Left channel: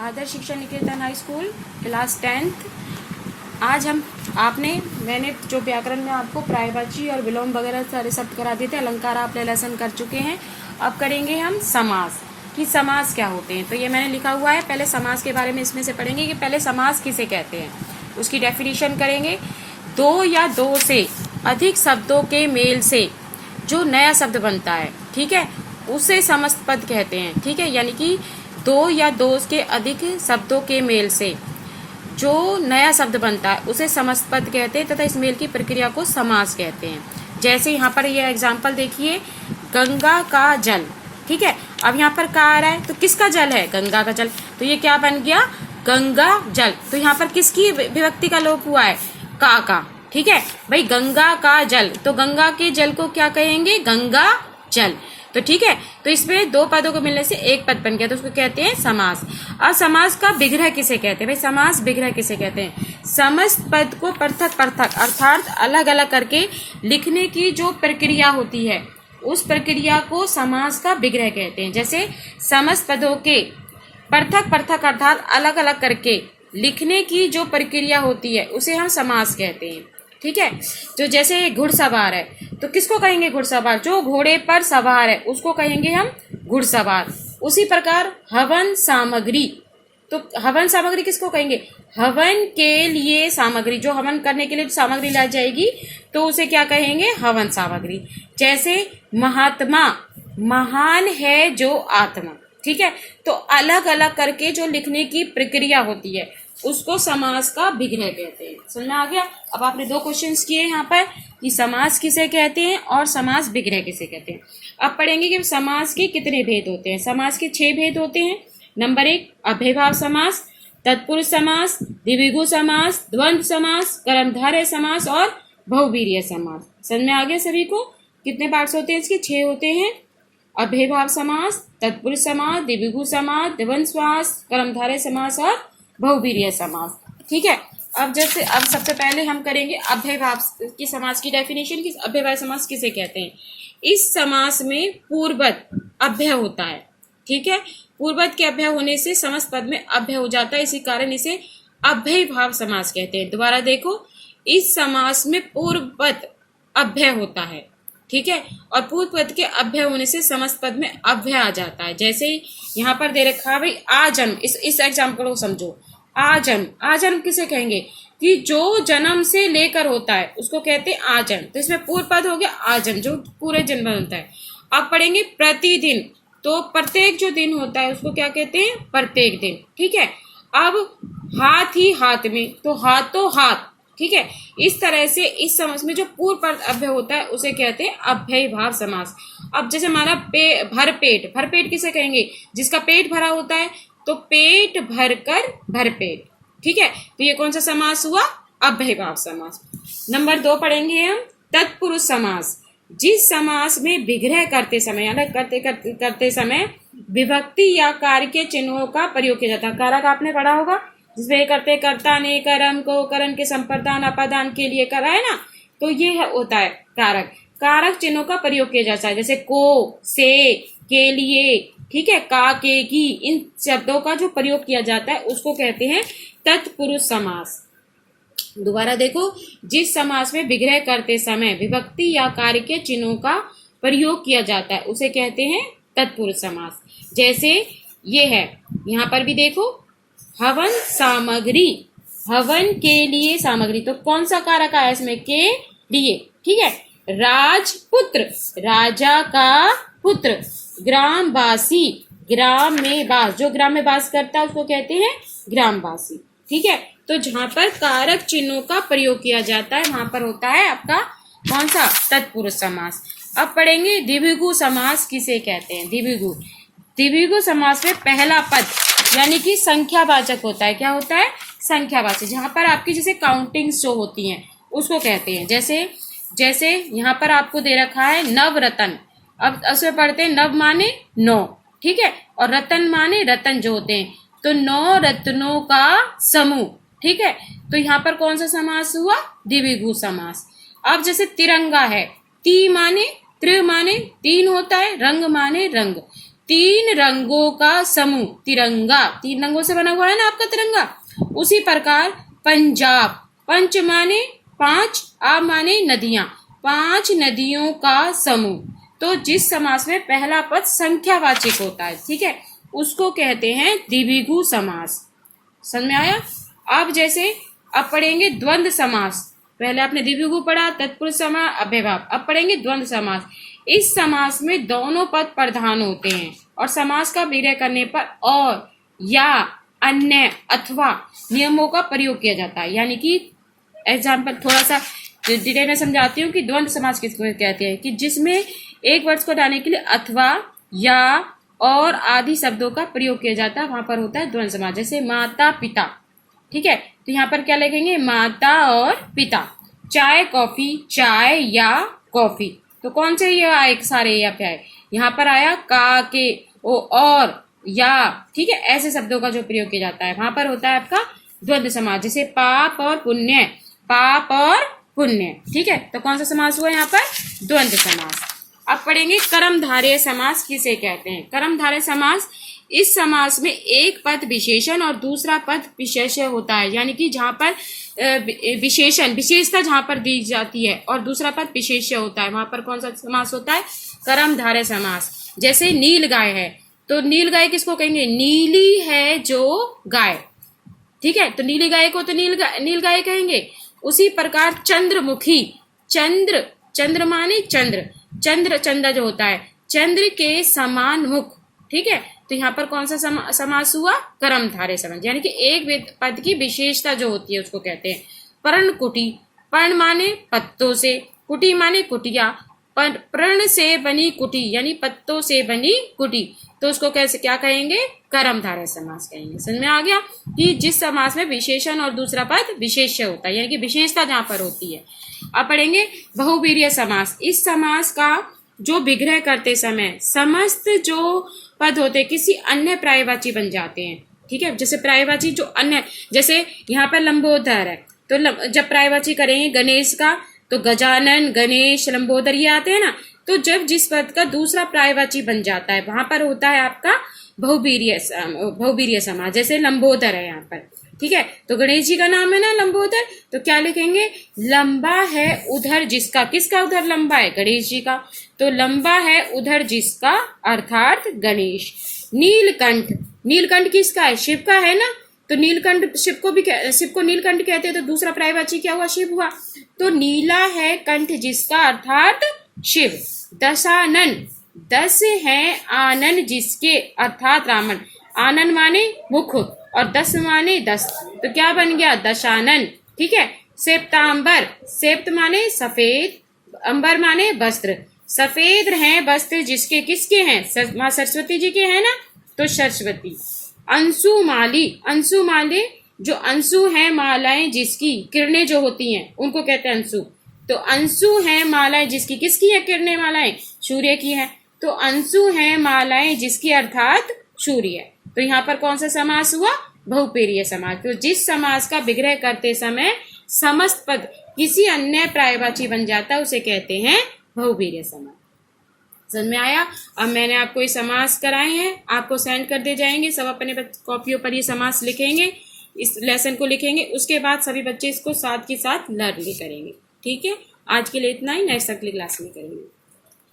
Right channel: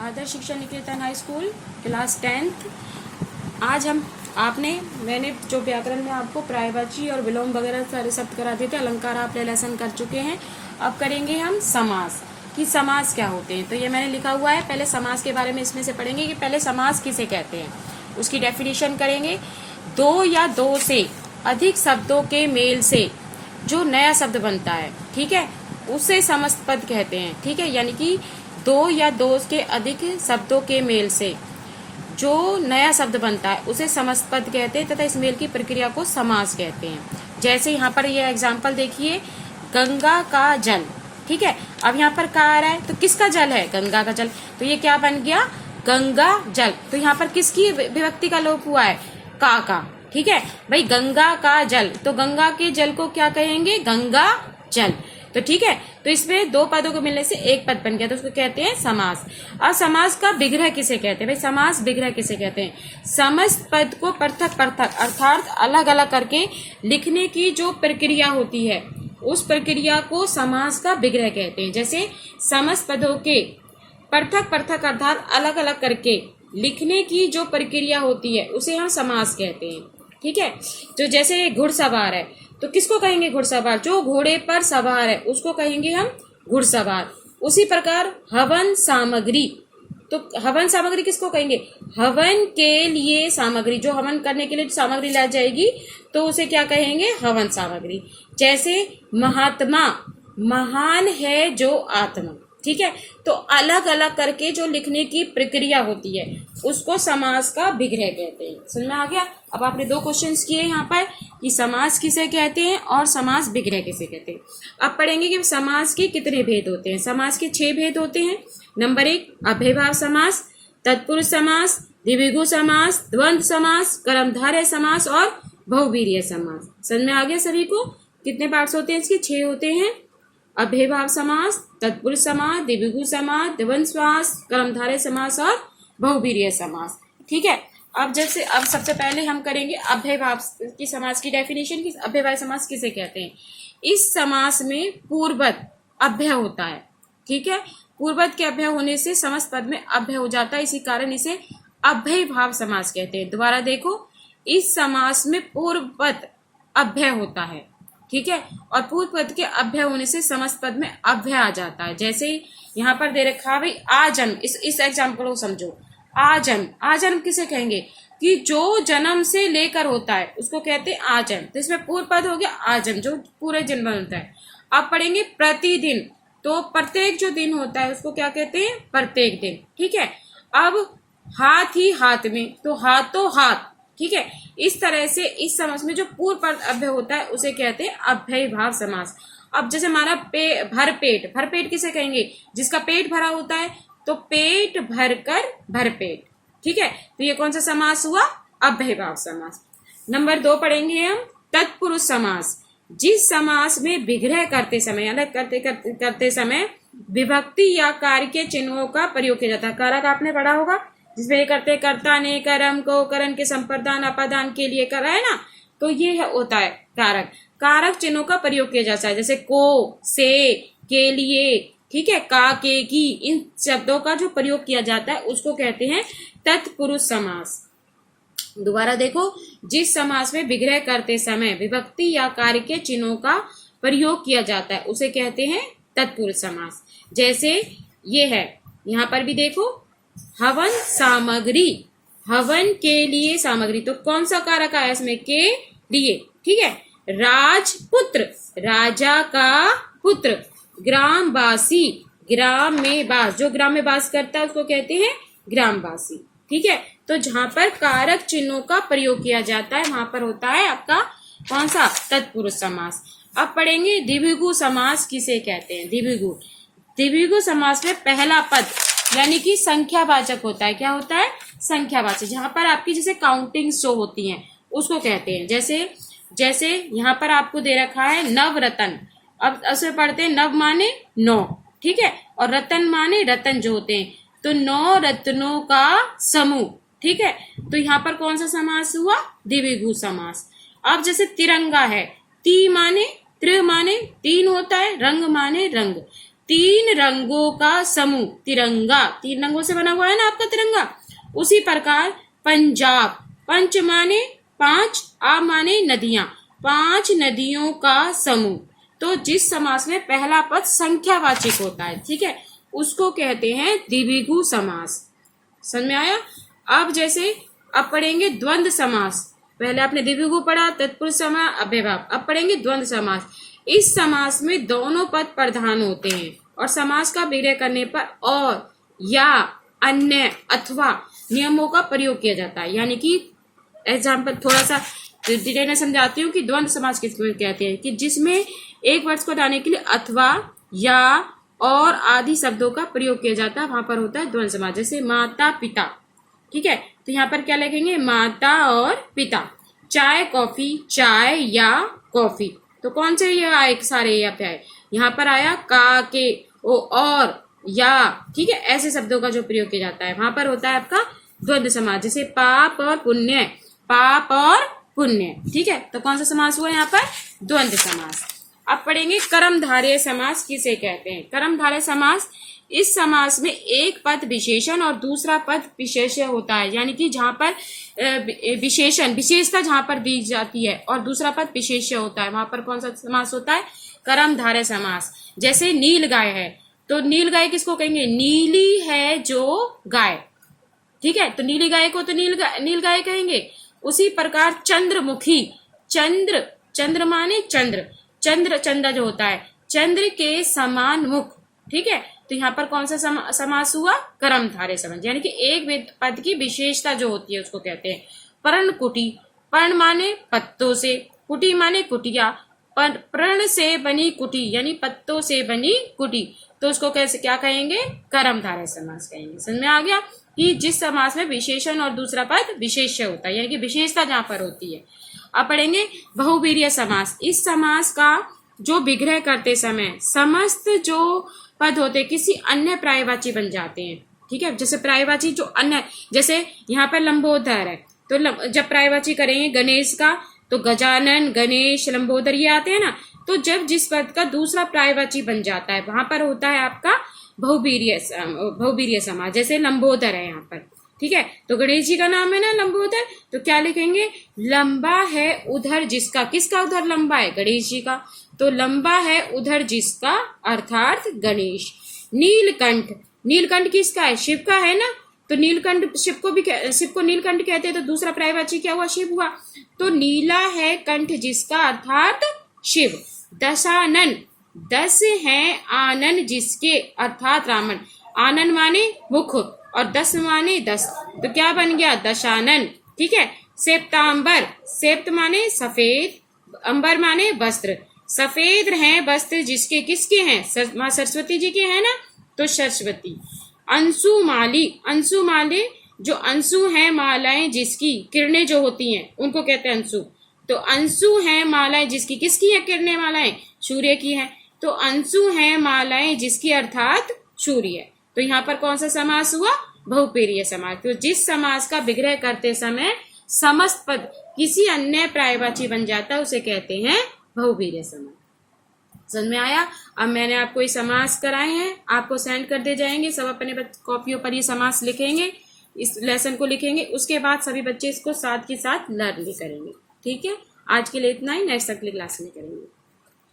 आदर्श शिक्षा निकेतन high school class 10th। आज मैंने जो व्याकरण में आपको पर्यायवाची और विलोम वगैरह सारे शब्द करा दिए थे, अलंकार आप लेसन कर चुके हैं। अब करेंगे हम समास कि समास क्या होते हैं। तो ये मैंने लिखा हुआ है, पहले समास के बारे में इसमें से पढ़ेंगे कि पहले समास किसे कहते हैं, उसकी डेफिनेशन करेंगे। दो या दो से अधिक शब्दों के मेल से जो नया शब्द बनता है, ठीक है, उसे समस्त पद कहते हैं। ठीक है, यानी कि दो या दो के अधिक शब्दों के मेल से जो नया शब्द बनता है उसे समस्त पद कहते हैं तथा इस मेल की प्रक्रिया को समास कहते हैं। जैसे यहाँ पर ये एग्जाम्पल देखिए, गंगा का जल। ठीक है, अब यहाँ पर का आ रहा है तो किसका जल है? गंगा का जल। तो ये क्या बन गया? गंगा जल। तो यहाँ पर किसकी विभक्ति का लोप हुआ है? का। ठीक है भाई, गंगा का जल, तो गंगा के जल को क्या कहेंगे? गंगा जल। तो ठीक है, तो इसमें दो पदों को मिलने से एक पद बन गया, तो उसको कहते हैं समास। और समास का विग्रह किसे कहते हैं? भाई समास विग्रह किसे कहते हैं? समस्त पद को पृथक पृथक अर्थात अलग अलग करके लिखने की जो प्रक्रिया होती है, उस प्रक्रिया को समास का विग्रह कहते हैं। जैसे समस्त पदों के पृथक पृथक अर्थात अलग अलग करके लिखने की जो प्रक्रिया होती है उसे हम समास कहते हैं। ठीक है, तो जैसे घुड़सवार है तो किसको कहेंगे? घुड़सवार। जो घोड़े पर सवार है उसको कहेंगे हम घुड़सवार। उसी प्रकार हवन सामग्री, तो हवन सामग्री किसको कहेंगे? हवन के लिए सामग्री, जो हवन करने के लिए सामग्री लाई जाएगी तो उसे क्या कहेंगे? हवन सामग्री। जैसे महात्मा, महान है जो आत्मा। ठीक है, तो अलग अलग करके जो लिखने की प्रक्रिया होती है उसको समास का विग्रह कहते हैं। समझ में आ गया? अब आपने दो क्वेश्चंस किए यहाँ पर कि समास किसे कहते हैं और समास विग्रह किसे कहते हैं। अब पढ़ेंगे कि समास के कितने भेद होते हैं। समास के 6 भेद होते हैं। नंबर 1 अव्ययभाव समास, तत्पुरुष समास, द्विगु समास, द्वंद्व समास, कर्मधारय समास और बहुवीर्य समास। समझ में आ गया सभी को? कितने पार्ट्स होते हैं इसके? 6 होते हैं। अव्ययभाव समास, तत्पुरुष समास, द्विगु समास, द्वंद्व समास, कर्मधारय समास और बहुवीर्य समास। ठीक है, अब सबसे पहले हम करेंगे अव्ययभाव की समास की डेफिनेशन की। अव्ययभाव समास किसे कहते हैं? इस समास में पूर्ववत अव्यय होता है। ठीक है, पूर्ववत के अव्यय होने से समस्त पद में अव्यय हो जाता है, इसी कारण इसे अव्ययभाव समास कहते हैं। दोबारा देखो, इस समास में पूर्ववत अव्यय होता है। ठीक है, और पूर्व पद के अव्यय होने से समस्त पद में अव्यय आ जाता है। जैसे यहाँ पर दे रखा है भाई आजन्म, इस एग्जाम्पल को समझो। आजन्म, आजन्म किसे कहेंगे? कि जो जन्म से लेकर होता है उसको कहते हैं आजन्म। तो इसमें पूर्व पद हो गया आजन्म, जो पूरे जन्म में होता है। अब पढ़ेंगे प्रतिदिन, तो प्रत्येक जो दिन होता है उसको क्या कहते हैं? प्रत्येक दिन। ठीक है, अब हाथ ही हाथ में, तो हाथों हाथ। ठीक है, इस तरह से इस समास में जो पूर्व पद अव्यय होता है उसे कहते हैं अव्ययभाव समास। अब जैसे माना भरपेट, भरपेट किसे कहेंगे? जिसका पेट भरा होता है, तो पेट भरकर भरपेट। ठीक है, तो ये कौन सा समास हुआ? अव्ययभाव समास। नंबर 2 पढ़ेंगे हम तत्पुरुष समास। जिस समास में विग्रह करते समय, अलग करते समय विभक्ति या कार्य के चिन्हों का प्रयोग किया जाता है। कारक आपने पढ़ा होगा, जिसमें ये करते कर्ता ने कर्म को करण के संप्रदान अपादान के लिए करा है ना, तो ये होता है कारक। कारक चिन्हों का प्रयोग किया जाता है, जैसे को, से, के लिए, ठीक है, का, के, की, इन शब्दों का जो प्रयोग किया जाता है उसको कहते हैं तत्पुरुष समास। दोबारा देखो, जिस समास में विग्रह करते समय विभक्ति या कार्य के चिन्हों का प्रयोग किया जाता है उसे कहते हैं तत्पुरुष समास। जैसे ये है, यहाँ पर भी देखो, हवन सामग्री, हवन के लिए सामग्री, तो कौन सा कारक आया इसमें? के लिए। ठीक है, राजपुत्र, राजा का पुत्र, ग्रामवासी, ग्राम में वास, जो ग्राम में वास करता है उसको कहते हैं ग्रामवासी। ठीक है, तो जहां पर कारक चिन्हों का प्रयोग किया जाता है वहां पर होता है आपका कौन सा? तत्पुरुष समास। अब पढ़ेंगे द्विगु समास किसे कहते हैं? द्विगु समास में पहला पद यानी कि संख्यावाचक होता है। क्या होता है? संख्यावाचक, जहां पर आपकी जैसे काउंटिंग शो होती है उसको कहते हैं। जैसे यहाँ पर आपको दे रखा है नवरत्न। अब उसमें पढ़ते हैं नव माने 9, ठीक है, और रतन माने रतन जो होते हैं, तो 9 रत्नों का समूह। ठीक है, तो यहाँ पर कौन सा समास हुआ? द्विगु समास। अब जैसे तिरंगा है, ती माने त्रि माने 3 होता है, रंग माने रंग, तीन रंगों का समूह, तिरंगा, 3 रंगों से बना हुआ है ना आपका तिरंगा। उसी प्रकार पंजाब, पंच माने 5, आ माने नदियां, 5 नदियों का समूह। तो जिस समास में पहला पद संख्यावाचक होता है, ठीक है, उसको कहते हैं द्विगु समास। समझ में आया। अब जैसे अब पढ़ेंगे द्वंद्व समास। पहले आपने द्विगु पढ़ा, तत्पुरुष समास, अव्ययभाव। अब पढ़ेंगे द्वंद्व समास। इस समास में दोनों पद प्रधान होते हैं और समास का विग्रह करने पर और, या, अन्य, अथवा नियमों का प्रयोग किया जाता है। यानी कि एग्जाम्पल थोड़ा सा डिटेल में समझाती हूँ कि द्वंद्व समास किसको कहते हैं, कि जिसमें एक वर्ड को हटाने के लिए अथवा, या, और आदि शब्दों का प्रयोग किया जाता है, वहां पर होता है द्वंद्व समास। जैसे माता पिता, ठीक है, तो यहाँ पर क्या लिखेंगे, माता और पिता। चाय कॉफी, चाय या कॉफी, तो कौन से ये आए सारे या पे आए, यहाँ पर आया का, के, ओ, और, या, ठीक है, ऐसे शब्दों का जो प्रयोग किया जाता है वहां पर होता है आपका द्वंद्व समास। जैसे पाप और पुण्य, पाप और पुण्य, ठीक है, तो कौन सा समास हुआ यहाँ पर, द्वंद्व समास। अब पढ़ेंगे कर्मधारय समास किसे कहते हैं। कर्मधारय समास, इस समास में एक पद विशेषण और दूसरा पद विशेष्य होता है। यानी कि जहां पर विशेषण, विशेषता जहां पर दी जाती है और दूसरा पद विशेष्य होता है, वहां पर कौन सा समास होता है, कर्मधारय समास। जैसे नील गाय है, तो नील गाय किसको कहेंगे, नीली है जो गाय, ठीक है, तो नीली गाय को तो नील गाय कहेंगे। उसी प्रकार चंद्रमुखी, चंद्र, चंद्र माने चंद्र, चंद्र, चंद्र जो होता है, चंद्र के समान मुख, ठीक है, तो यहाँ पर कौन सा समास हुआ, कर्मधारय समास। यानी कि एक पद की विशेषता जो होती है उसको कहते हैं। पर्णकुटी, पर्ण माने पत्तों से, कुटी माने कुटिया, पर्ण से बनी कुटी यानी पत्तों से बनी कुटी, तो उसको कैसे क्या कहेंगे, कर्मधारय समास कहेंगे। समझ में आ गया कि जिस समास में विशेषण और दूसरा पद विशेष्य होता है, यानी कि विशेषता जहां पर होती है। अब पढ़ेंगे बहुवीर्य समास। इस समास का जो विग्रह करते समय समस्त जो पद होते किसी अन्य पर्यायवाची बन जाते हैं, ठीक है, जैसे पर्यायवाची जो अन्य, जैसे यहाँ पर लंबोदर है, तो जब पर्यायवाची करेंगे गणेश का, तो गजानन, गणेश, लंबोदर ये आते हैं ना, तो जब जिस पद का दूसरा पर्यायवाची बन जाता है वहां पर होता है आपका बहुवीर्य समास। जैसे लंबोदर है यहाँ पर, ठीक है, तो गणेश जी का नाम है ना लंबोदर, तो क्या लिखेंगे, लंबा है उधर जिसका, किसका उधर लंबा है, गणेश जी का, तो लंबा है उधर जिसका अर्थात गणेश। नीलकंठ, नीलकंठ किसका है, शिव का है ना, तो नीलकंठ शिव को नीलकंठ कहते हैं, तो दूसरा पर्यायवाची क्या हुआ, शिव हुआ, तो नीला है कंठ जिसका अर्थात शिव। दशानन, 10 है आनन जिसके अर्थात रावण, आनन माने मुख और 10 माने 10, तो क्या बन गया, दशानन, ठीक है। श्वेतांबर, श्वेत माने सफेद, अंबर माने वस्त्र, सफेद हैं वस्त्र जिसके, किसके हैं, माँ सरस्वती जी के हैं ना, तो सरस्वती। अंशुमाली, अंशुमाले जो अंशु है मालाएं जिसकी, किरणें जो होती हैं उनको कहते हैं अंशु, तो अंशु है मालाएं जिसकी, किसकी है किरणें मालाएं, सूर्य की है, तो अंशु है मालाएं जिसकी अर्थात सूर्य। तो यहाँ पर कौन सा समास हुआ, बहुपेरीय समास। तो जिस समास का विग्रह करते समय समस्त पद किसी अन्य पर्यायवाची बन जाता है उसे कहते हैं बहुवीर्य समास। समझ में आया। अब मैंने आपको ये समास कराए हैं, आपको सेंड कर दे जाएंगे, सब अपने कॉपियों पर ये समास लिखेंगे, इस लेसन को लिखेंगे, उसके बाद सभी बच्चे इसको साथ के साथ लर्न भी करेंगे। ठीक है, आज के लिए इतना ही, नेक्स्ट अगली क्लास में करेंगे।